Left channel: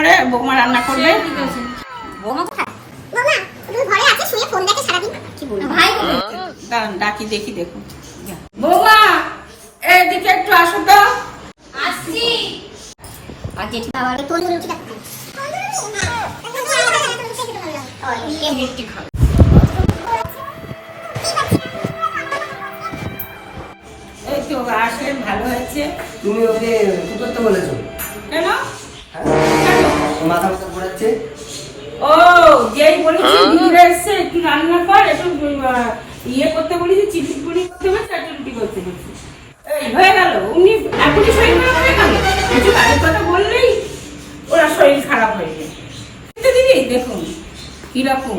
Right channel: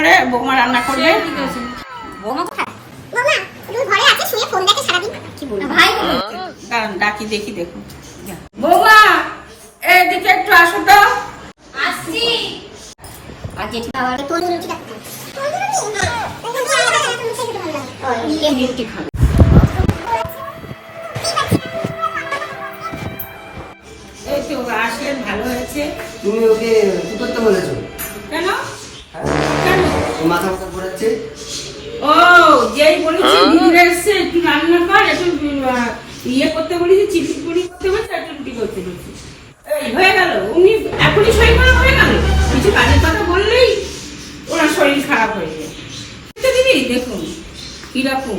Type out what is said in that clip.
করে বৌমা রান্না করবে। বৌমা কোথায়? বৌমা তুমি ঘরে আছে, শুয়ে ফোন দেখে সারাদিন। কি বলবো ভাই? দাঁড়ান ডাকি, দেখি দেখুন। বৌমা এদিকে একটু আসো তো। আসছি। আর জেঠু আবার তোর রুটি খাবে। এই রুটি খাবে। এই তো আসলেন, ভালো হয়েছে। তুমি ওকে কি করতে বলেছো? কেন? মাথা মাথা ঘোরাচ্ছে। ও যেই বলেছি ঘুরে এসছে, একটু রান্না কর, একটু ইয়ে করতে বলেছি, চিপিপুরি করতে বলেছি, একটু রুটি করতে বলেছি। এই হয়ে গেল, উনি এখনই শরীর খারাপ হয়ে গেল। কিছু কাজের কথা বললেই ওনার শরীর খারাপ হয়েছে। দিদি দেখুন কিরকম।